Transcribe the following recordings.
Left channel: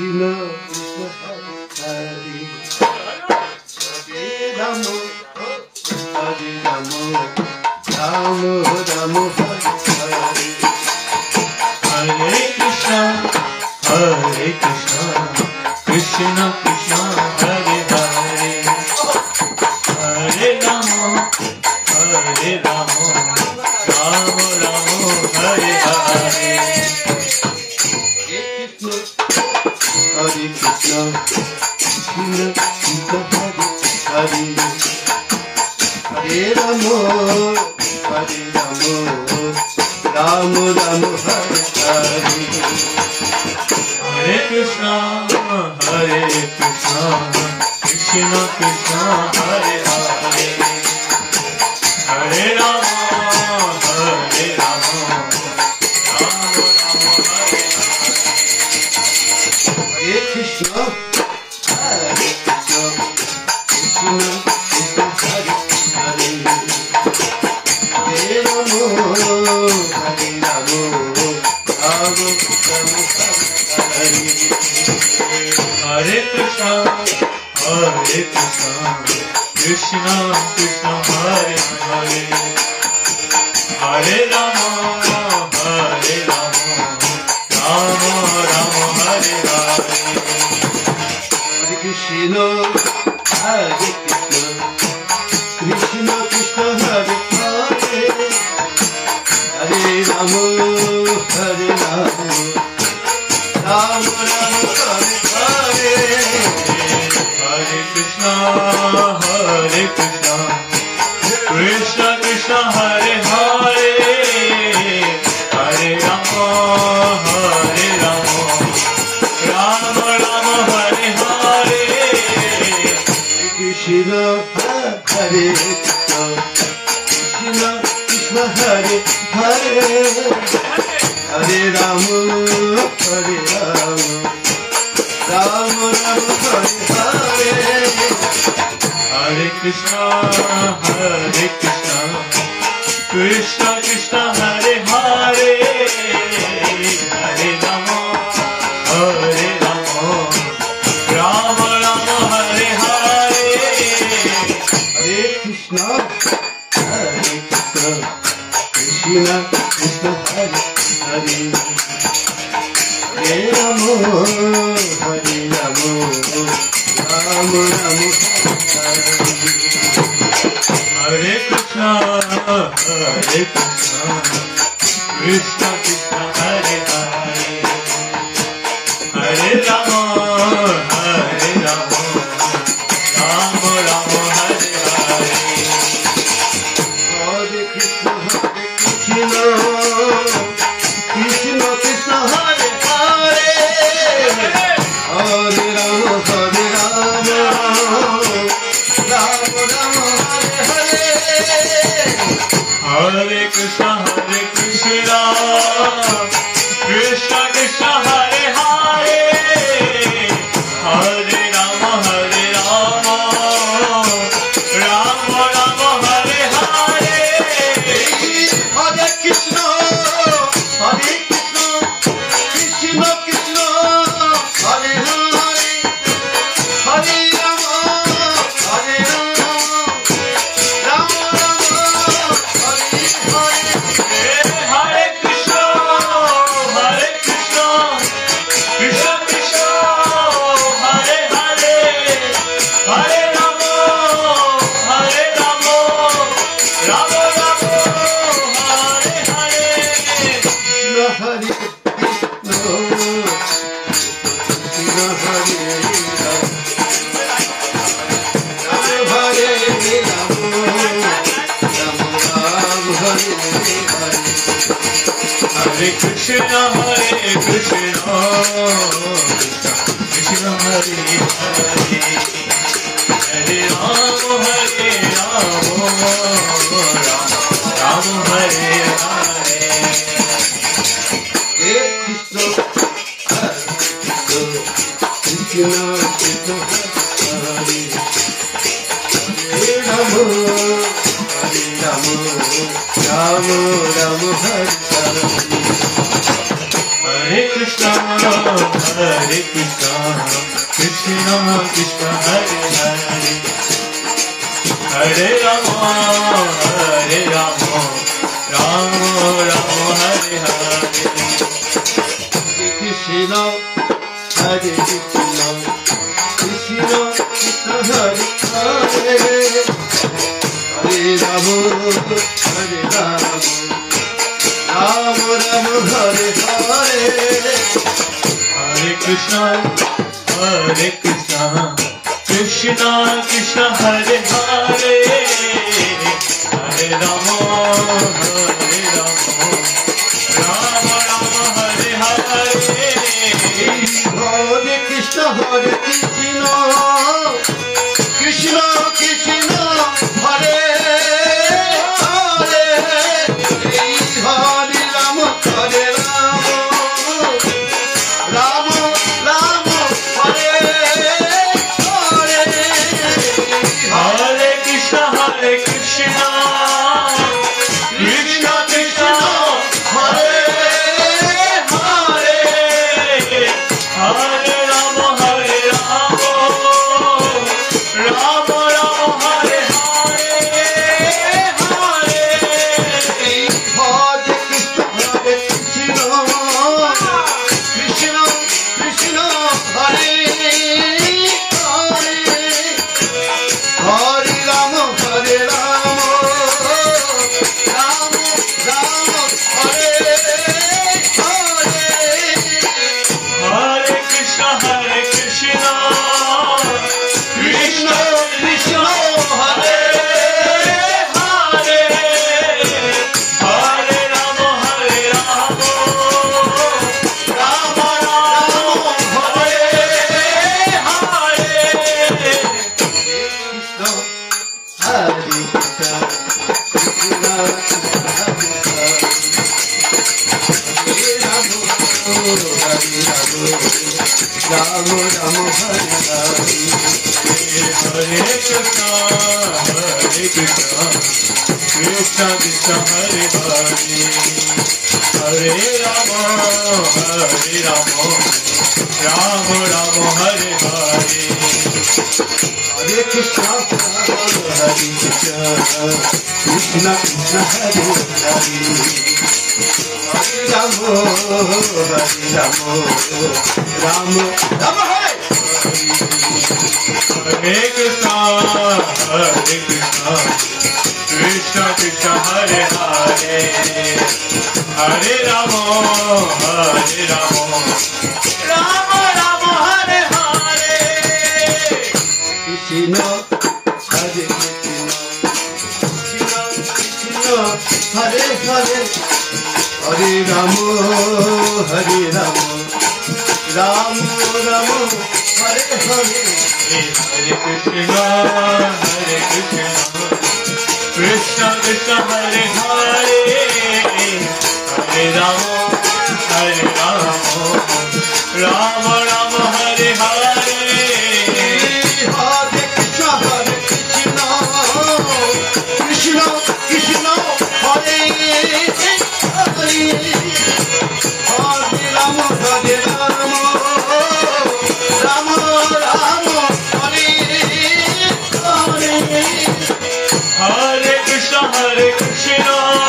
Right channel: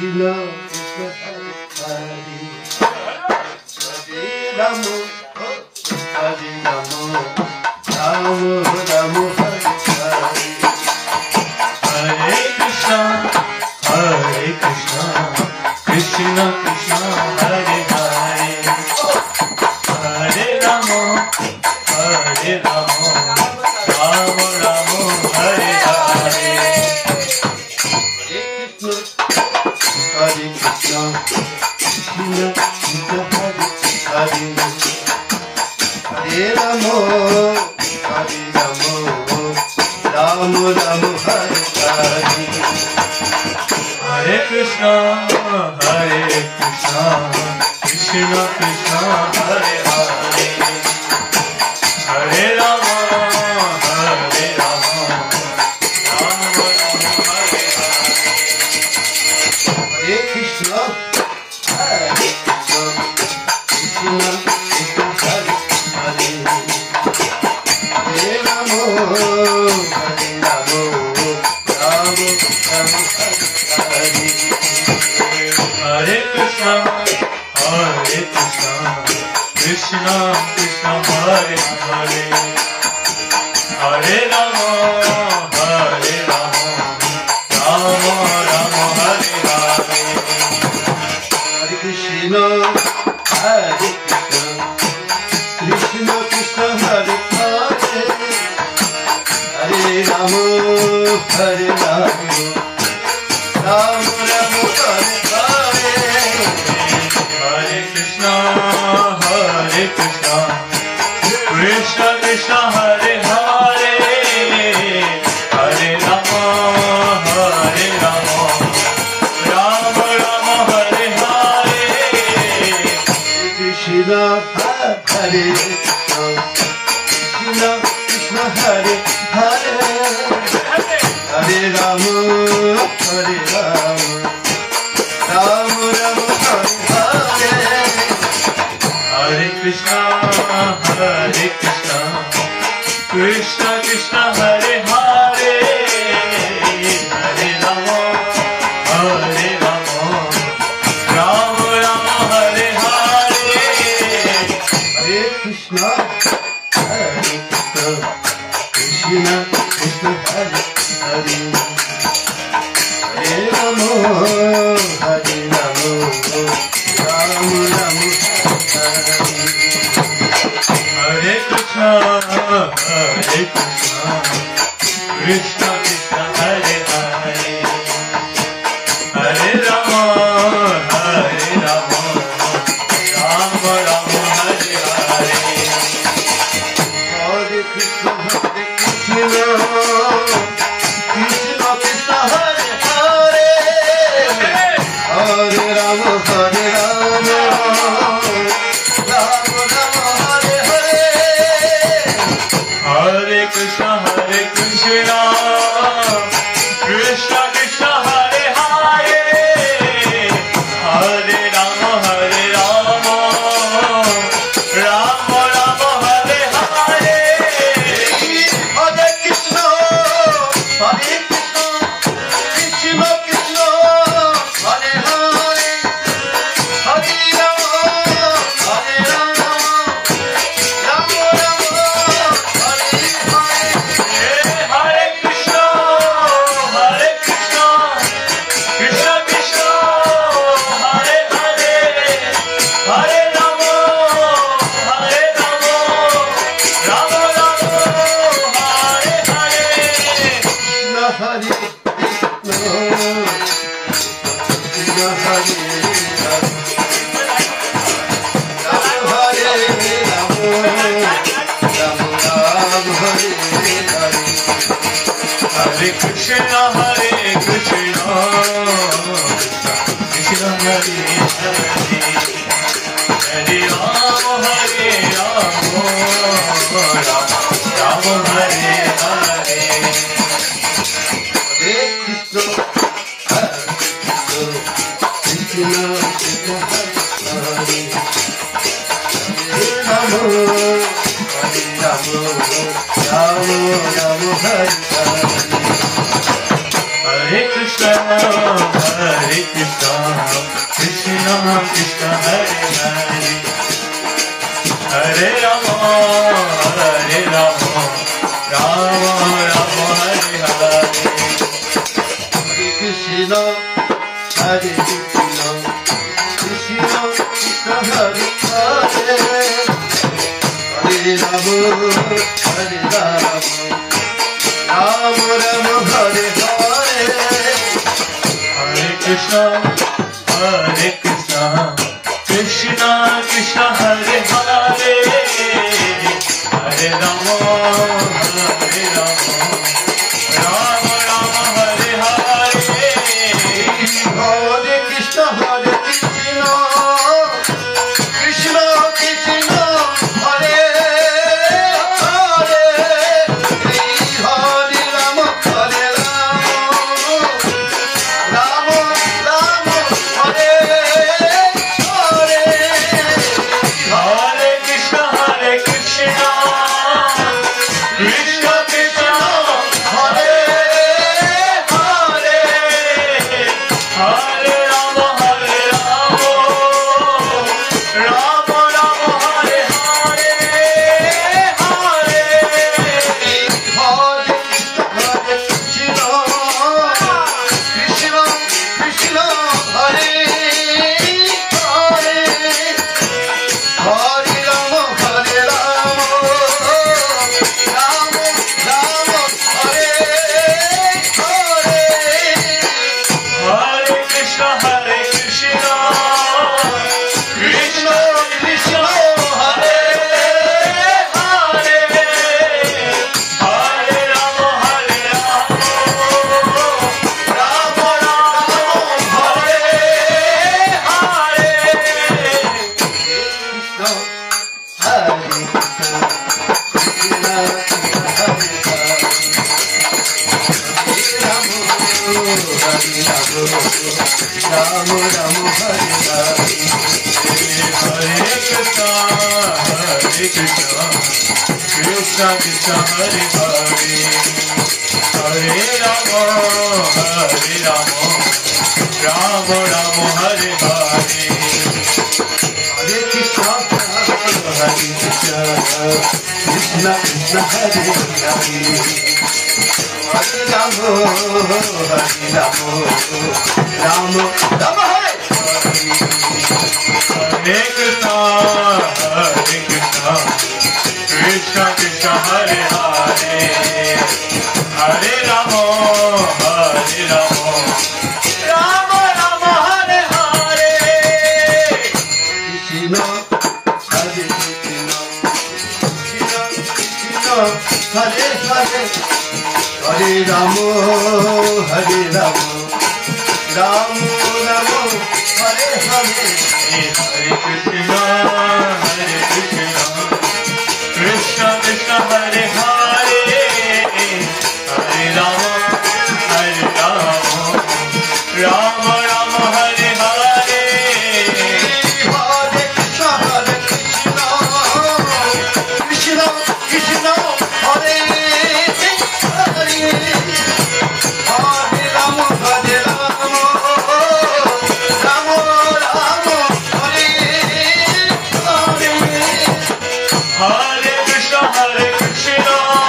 Krishna Krishna Hare Hare Rama Hare Rama Rama Rama Hare Krishna Krishna Krishna Hare Hare Hare Rama Rama Rama Hare Hare Hare Krishna Krishna Krishna Hare Hare Rama Rama Rama Hare Hare Hare Krishna Krishna Krishna Hare Hare Hare Rama Rama Rama Hare Hare Hare Krishna Krishna Krishna Hare Hare Hare Rama Rama Rama Hare Hare Krishna Krishna Krishna Hare Hare Hare Rama Rama Rama Hare Hare Hare Krishna Krishna Krishna Hare Hare Hare Rama Rama Rama Hare Hare Hare Krishna Krishna Krishna Hare Hare Hare Rama Rama Rama Hare Hare Krishna Hare Krishna Krishna Hare Hare Hare Rama Rama Rama Hare Hare Hare Krishna Krishna Krishna Hare Hare Hare Rama Rama Rama Hare Hare Hare Krishna Krishna Krishna Hare Hare Hare Rama Rama Rama Hare Krishna Krishna Krishna Hare Hare Hare Rama Rama Rama Hare Hare Hare Krishna Krishna Krishna Hare Hare Hare Rama Rama Rama Hare Hare Hare Krishna Krishna Krishna Hare Hare Hare Rama Rama Rama Hare Hare Hare Krishna Krishna Krishna Hare Hare Hare Rama Hare Krishna Krishna Hare Hare Hare Rama Rama Hare Hare Hare Krishna Krishna Krishna Hare Hare Rama Rama Hare Hare Hare Krishna Krishna, Hare Krishna, Krishna Krishna, Hare Hare, Hare Rama, Hare Rama, Rama Rama, Hare Hare. Krishna, Hare Krishna, Krishna Krishna, Hare Hare, Hare Rama, Hare Rama, Rama Rama, Hare Hare. Hare Krishna, Hare Krishna, Krishna Krishna, Hare Hare, Hare Rama, Hare Rama, Rama Rama, Hare Hare. Hare Krishna, Hare Krishna, Krishna Krishna, Hare Hare, Hare Rama, Hare Rama, Rama Rama, Hare Hare. Hare Krishna, Hare Krishna, Krishna Krishna, Hare Hare, Hare Rama, Hare Rama, Rama Rama, Hare Hare, Hare. Hare Krishna, Hare Krishna, Krishna Krishna, Hare Hare, Hare Rama, Hare Rama, Rama Rama, Hare Hare. Hare Krishna, Hare Krishna, Krishna Krishna, Hare Hare, Hare Rama, Hare Rama, Rama Rama, Hare Krishna, Hare Krishna.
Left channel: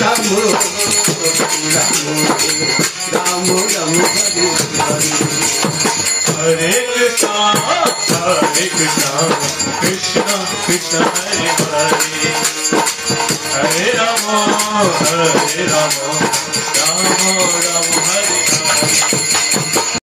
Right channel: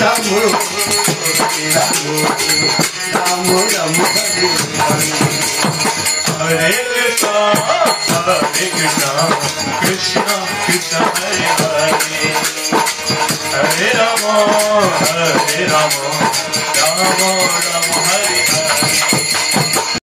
Hare Krishna, Krishna Krishna, Hare Hare, Hare Rama, Rama Rama, Hare Hare.